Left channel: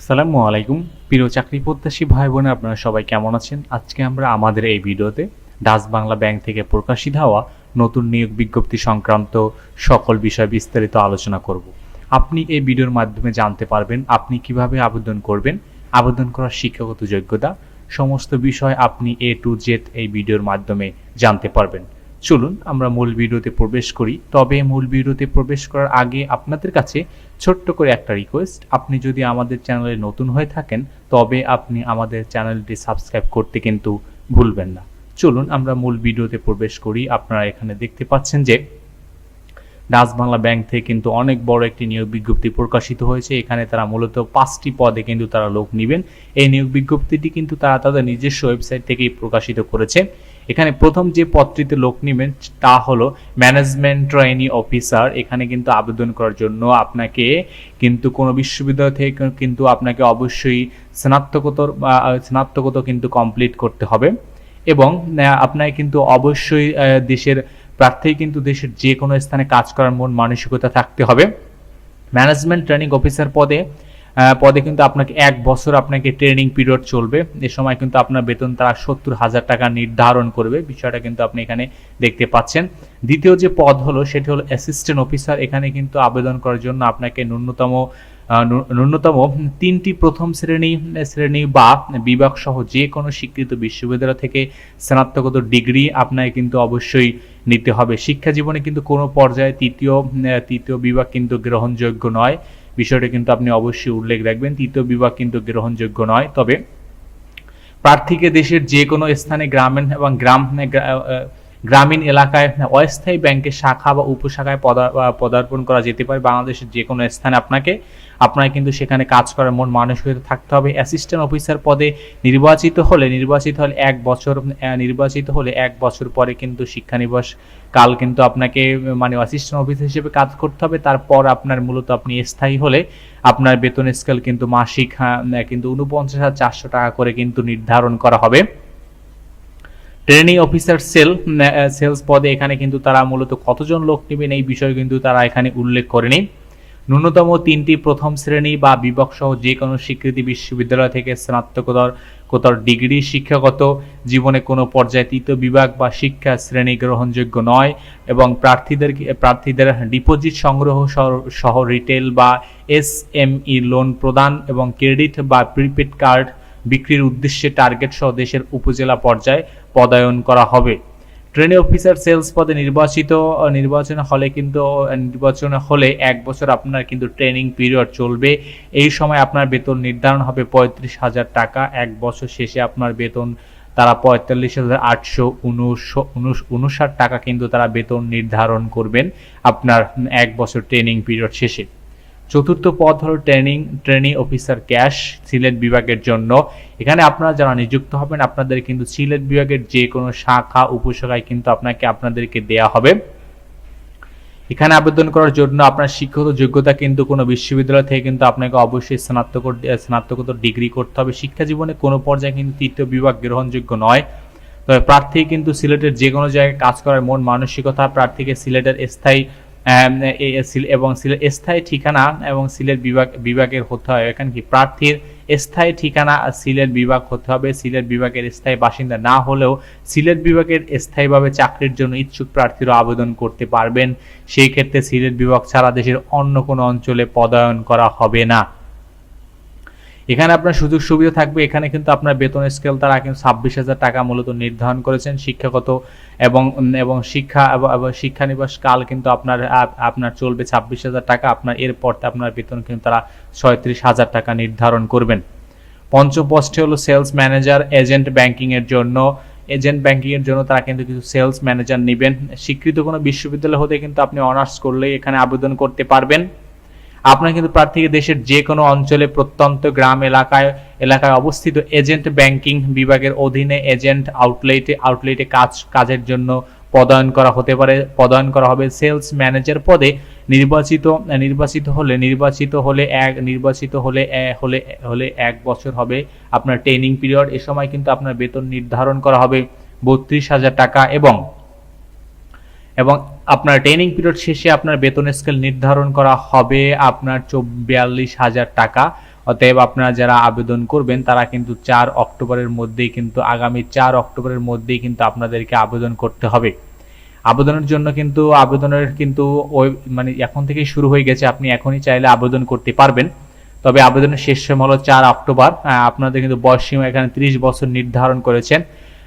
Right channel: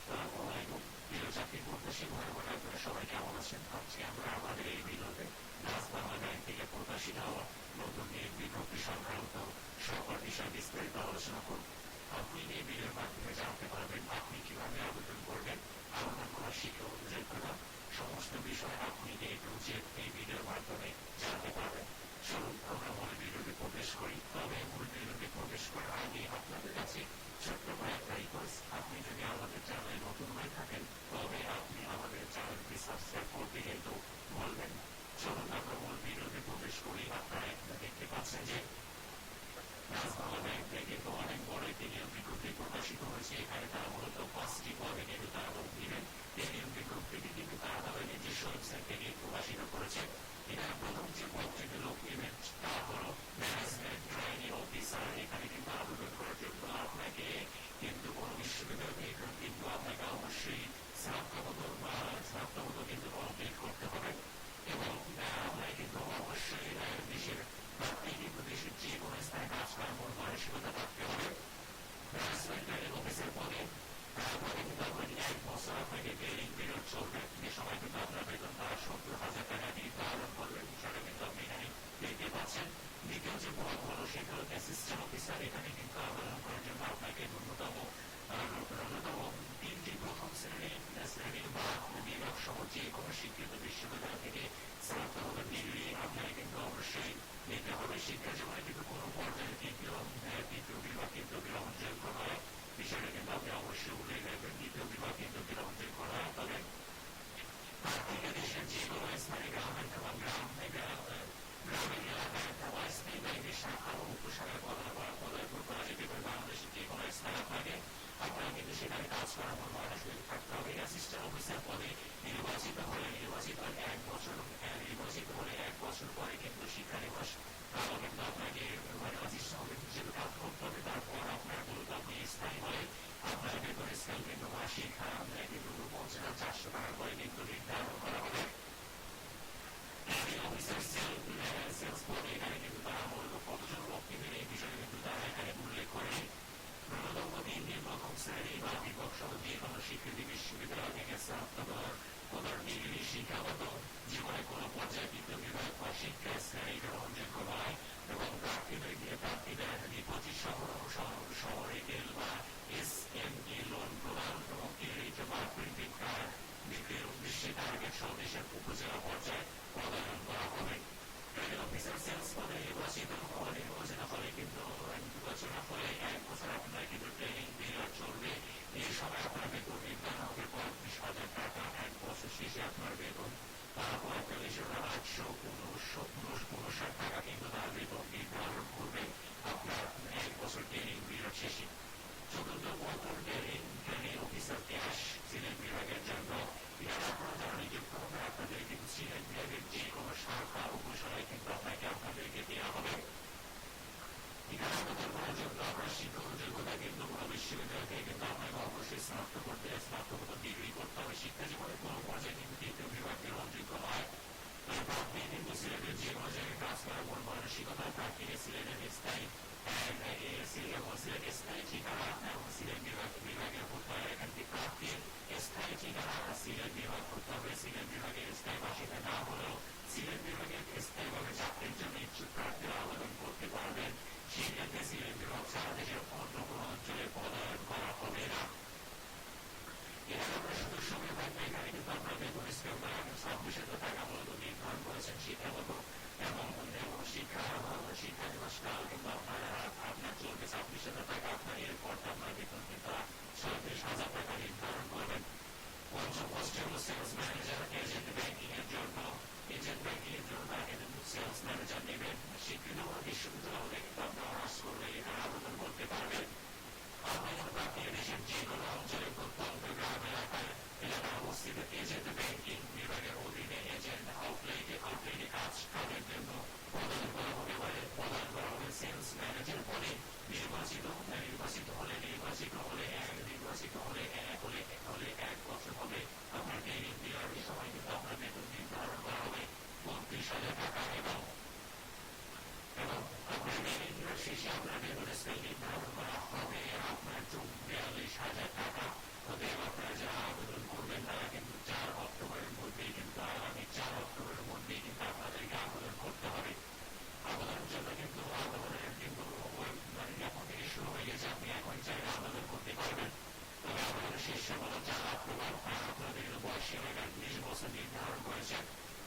আসসালামু আলাইকুম। প্রিয় চাকরি প্রত্যাশী ভাই বোনে আপনারা সবাই কেমন আছেন? আজকে আমরা আমাদের এই ভিডিওতে ডাচ বাংলা ব্যাংক থেকে প্রকাশিত হওয়া নতুন নিয়োগ বিজ্ঞপ্তি সংক্রান্ত সকল বিষয় বিস্তারিত আলোচনা করব। আপনি এই ভিডিওর মাধ্যমে জানতে পারবেন আপনি কীভাবে আবেদন করবেন, আবেদন করার শিক্ষাগত যোগ্যতা, সমস্ত বিষয় আপনি এ টু জেড এই ভিডিওর মাধ্যমে জানতে পারবেন। চলুন, আমরা মূল ভিডিওতে প্রবেশ করি। তবে মূল ভিডিওতে প্রবেশ করার আগে আপনাদের কাছে ছোট্ট করে একটা রিকোয়েস্ট আপনি যদি আমাদের চ্যানেলে নতুন হয়ে থাকেন, তবে আপনি আমাদের চ্যানেলটি সাবস্ক্রাইব করতে কিন্তু ভুলবেন না। চলুন, আমরা মূল ভিডিওতে প্রবেশ করি। আপনারা এখানে দেখতে পাচ্ছেন যে ডাচ বাংলা ব্যাংক থেকে কিন্তু অনেক বড় একটি নিয়োগ বিজ্ঞপ্তি প্রকাশিত হয়েছে। এখানে তারা মূলত পাঁচটি পদে কিন্তু তারা লোক নেবেন। এই নিয়োগ বিজ্ঞপ্তিটি কিন্তু তারা তাদের নিজস্ব ওয়েবসাইট থেকেই প্রকাশিত করেছে। এখানে প্রথম যে পদটিতে লোক নেবেন, তা হলো ম্যানেজমেন্ট ট্রেনি অফিসার এখানে কিন্তু আবেদন করার জন্য আপনাকে কিন্তু কোনো বিশ্ববিদ্যালয় থেকে কিন্তু আপনাকে অবশ্যই স্নাতকোত্তর স্নাতকোত্তর কিন্তু কমপ্লিট করতে হবে। এবং আপনাকে কিন্তু অবশ্যই দেশের প্রার্থী কিন্তু দেশের যে কোনো স্থানে কাজ করার মন মানসিকতা থাকতে হবে। ম্যানেজমেন্ট ট্রেনিং অফিসার পদে পদে কিন্তু আপনাকে এক বছর আপনাকে ট্রেনিং পিরিয়ড চলবে। এ সময় কিন্তু আপনার বেতন তারা সত্তর হাজার টাকা নির্ধারণ করবে। বিষয়টা কিন্তু আপনি এখানে দেখতে পাচ্ছেন। দ্বিতীয় যে পদ হলো, সেটি হলো অ্যাসিস্ট্যান্ট অফিসার এখানে কিন্তু আবেদন করার জন্য আপনাকে ন্যূনতম ন্যূনতম তিনটি প্রথম শ্রেণি শ্রেণি বা বিভাগ সহ যে কোনো স্বীকৃত বিশ্ববিদ্যালয় থেকে স্নাতকোত্তর ডিগ্রি আপনাকে কিন্তু অবশ্যই নিতে হবে। শিক্ষা জীবনে কিন্তু কোনো পর্যায়ে তৃতীয় তৃতীয় বিভাগ কিন্তু গ্রহণযোগ্য নয়। বিষয়টা কিন্তু আপনি অবশ্যই উল্লেখ রাখবেন। তৃতীয় বিভাগ কিন্তু গ্রহণযোগ্য নয়। তবে প্রার্থীকে দেশের যে কোনো স্থানে গ্রামীণ এবং গ্রাম গ্রামীণ এলাকায় অস্থায়ী ব্যাংকের শাখা বা উপশাখায় পদা- পদার্পণ করা যেতে পারে। বাংলাদেশের যে কোনো স্থানে আপনাকে আপনার কিন্তু সেখানে কাজ করার মন মানসিকতা থাকতে হবে। অ্যাসিস্ট্যান্ট অফিসার পদে নির্বাচিত হলে নির্বাচিত হলে এক বছর নির্বাচিত হলে এক বছর পরে কিন্তু শিক্ষানিবাস কাল কিন্তু আপনাকে মানে অ্যাসিস্ট্যান্ট অফিসার হিসেবে কাজ করতে হবে। তারপর আপনার মূলত আপনি স্থায়ী হলে আপনার বেতন স্কেল কিন্তু মাসিক হ্যাঁ, কিন্তু উনপঞ্চাশ হাজার চারশো টাকা করে কিন্তু নির্ধারণ করা হবে। ট্রেনিং অফিসার সেল সেলস পদে এখানে কিন্তু তারা মূলত কতজন লোক নেবেন এই বিষয়ে কিন্তু তারা এখানে উল্লেখ করেনি। ন্যূনতম তিনটি প্রথম শ্রেণি বা বিভাগ সহ যে কোনো স্বীকৃতি বিশ্ববিদ্যালয় থেকে স্নাতকোত্তর কোতর ডিগ্রি শিক্ষাগত জীবনে কোনো পর্যায়ে তৃতীয় বিভাগ বা শিক্ষা শ্রেণি গ্রহণযোগ্য নয় এবং প্রার্থীদের প্রার্থীদের ডিপোজিট সংগ্রহ সহ রিটেল বা এস এম ই লোন প্রদান এবং ক্রেডিট বা প্রিপেড কার্ড বিক্রির উদ্দেশ্যে টার্গেট সহ দেশের উপজেলা পর্যায়ে পদায়ন করা হবে। ট্রেনি অফিসার সেলস পদে নির্বাচিত নির্বাচন হলে কিন্তু নির্বাচন হলে এক বছর আপনার কিন্তু ট্রেনিং পিরিয়ড চলবে। এই সময় আপনার বেতন নির্ধারণ হবে পঁয়ত্রিশ হাজার টাকা। এক বছর শেষে আপনার বেতন, তারা পঁয়তাল্লিশ হাজার আটশো উনষাট টাকা কিন্তু তারা বেতন নির্ধারণ করবেন আপনার এক বছর ট্রেনিং পিরিয়ড শেষে। চতুর্থ পদ হলো training training officer cash, Sylhet বিভাগের জন্য। এখানে আপনারা যারা নিযুক্ত হবেন, আপনাদের কিন্তু সিলেট বিভাগের যে কোনো শাখা, উপশাখায় কিন্তু আপনাকে আপনাদেরকে দেয়া হবে। এখানে আবেদন করার জন্য আপনার শিক্ষাগত যোগ্যতা কিন্তু কোনো বিশ্ববিদ্যালয় থেকে কিন্তু আপনাকে অবশ্যই স্নাতকোত্তর স্নাতকোত্তর ডিগ্রি করতে হবে। শিক্ষা জীবনে কোনো পর্যায়ে কিন্তু তৃতীয় বিভাগ গ্রহণযোগ্য নয়। তবে প্রার্থী কিন্তু সিলেটের যে কোনো জায়গায় কাজ করার মন মানসিকতা, প্রার্থীকে সিলেটের স্থায়ী এবং স্থায়ী ঠিকানা এবং সিলেট বিভাগ, বিভাগের হতে হয় এখানে কি? প্রার্থীর স্থায়ী ঠিকানা সিলেট বিভাগ হতে হবে। সিলেট বিভাগের স্থায়ী বাসিন্দা না হলেও সিলেট বিভাগের স্থায়ীভাবে চাকরির জন্য ইচ্ছুক প্রার্থীরা আবেদন করতে পারবেন। সেই ক্ষেত্রে সিলেট বিভাগ ছাড়া দেশের অন্য কোনো অঞ্চলে পদায়ন করা হবে না। এখানে আপনার সুযোগ সুবিধা থাকবে। এখানে কিন্তু আপনার বেতন স্কেল তারা কিন্তু ছাব্বিশ হাজার টাকা মূলত নির্ধারণ করেছেন। শিক্ষাগত এবং এবং শিক্ষা, এবং শিক্ষানিবাস কাল কিন্তু আপনার আপনার চলবে ছাব্বিশ হাজার টাকা। আপনার, এরপর আপনার বেতন কিন্তু তারা ছয়ত্রিশ হাজার টাকা নির্ধারণ করবেন। পঞ্চম পোস্টে হলো সেলস ম্যানেজার, এজেন্ট ব্যাংকিং এর জন্য। এজেন্ট ব্যাংকিং এর জন্য তারা কিন্তু কিছু সেলস ম্যানেজার নেবেন। স্বীকৃত কোনো বিশ্ববিদ্যালয় হতে কিন্তু আপনি অনার্স করলেই এখানে আবেদন করতে পারবেন। আপনার কিন্তু প্রার্থীকে দেশের যে কোনো অঞ্চলে প্রত্যন্ত গ্রাম এলাকায় এলাকায় অবস্থিত এজেন্ট ব্যাংকিং বিভাগের অধীনে এজেন্ট আউটলেটে আউটলেটে কাজ, কাজের জন্য পদায়ন করা হতে পারে। পদায়ন করা হবে সেলস ম্যানেজার পদে। নির্বাচিত নির্বাচিত হলে নির্বাচিত হলে এক, নির্বাচিত হলে হলে হলে এক বছর হবে আপনার ট্রেনিং পিরিয়ড। এ সময় কিন্তু আপনার বেতন নির্ধারণ করা হবে বত্রিশ হাজার টাকা এবং এবং আপনার ট্রেনিং পিরিয়ড শেষে আপনার বেতন স্কেল নির্ধারণ করা হবে আপনার চব্বিয়াল্লিশ হাজার টাকা। অতএব আপনারা যারা আবেদন করবেন, তারা কিন্তু চার অক্টোবরের মধ্যেই কিন্তু, আগামী চার অক্টোবরের মধ্যেই কিন্তু আপনাদেরকে আবেদন করতে হবে। আবেদনের জন্য কিন্তু, আবেদনের কিন্তু ওই মানে এখন থেকেই শুরু হয়ে গেছে। আপনি এখনই চাইলে আবেদন করতে পারবেন। তবে আবেদনের শেষ সময় হলো চার অক্টোবর। আপনাদের কিন্তু বয়স সীমা এখানে ত্রিশ বছর নির্ধারণ করেছেন।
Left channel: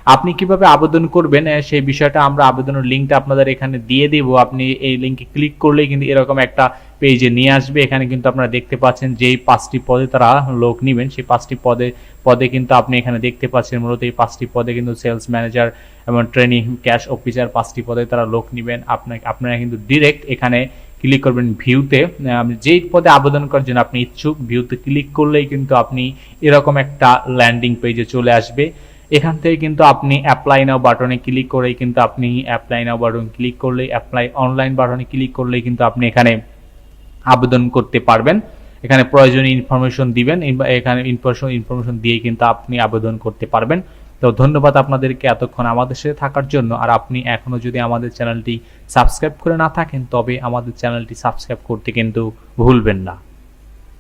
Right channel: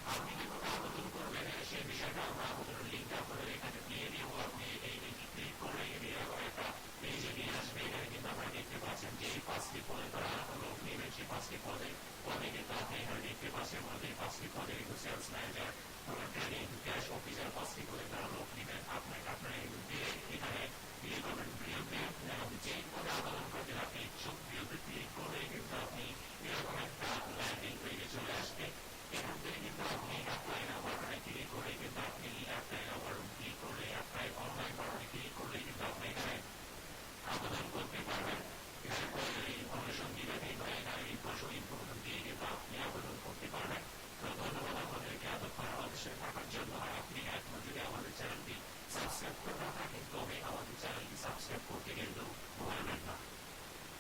আপনি কীভাবে আবেদন করবেন সেই বিষয়টা আমরা আবেদনের লিঙ্কটা আপনাদের এখানে দিয়ে দিব। আপনি এই লিঙ্কে ক্লিক করলেই কিন্তু এরকম একটা পেজে নিয়ে আসবে। এখানে কিন্তু আপনারা দেখতে পাচ্ছেন যেই পাঁচটি পদে তারা লোক নেবেন, সেই পাঁচটি পদে পদে কিন্তু আপনি এখানে দেখতে পাচ্ছেন মূলত এই পাঁচটি পদে কিন্তু সেলস ম্যানেজার এবং ট্রেনিং ক্যাশ অফিসার পাঁচটি পদে তারা লোক নেবেন। আপনাকে, আপনারা কিন্তু ডিরেক্ট এখানে ক্লিক করবেন ভিউতে যেই পদে আবেদন করার জন্য আপনি ইচ্ছুক ভিউতে ক্লিক করলেই কিন্তু আপনি এরকম একটা ল্যান্ডিং পেজে চলে আসবে। এখান থেকে কিন্তু আপনি অ্যাপ্লাই নাও বাটনে ক্লিক করেই কিন্তু আপনি অ্যাপ্লাই নাও বাটন ক্লিক করলেই অ্যাপ্লাই অনলাইন বাটনে ক্লিক করলেই কিন্তু আপনি এখানে আবেদন করতে পারবেন। এখানে প্রয়োজনীয় ইনফরমেশন দিবেন এখানে ইনফরমেশন ইনফরমেশন দিয়ে কিন্তু আপনি আবেদন করতে পারবেন। তো ধন্যবাদ আপনাদেরকে এতক্ষণ আমাদের সাথে থাকার জন্য। আর আপনি এখনও যদি আমাদের চ্যানেলটি সাবস্ক্রাইব করে না থাকেন, তবে আমাদের চ্যানেলটি সাবস্ক্রাইব করতে কিন্তু ভুলবেন না।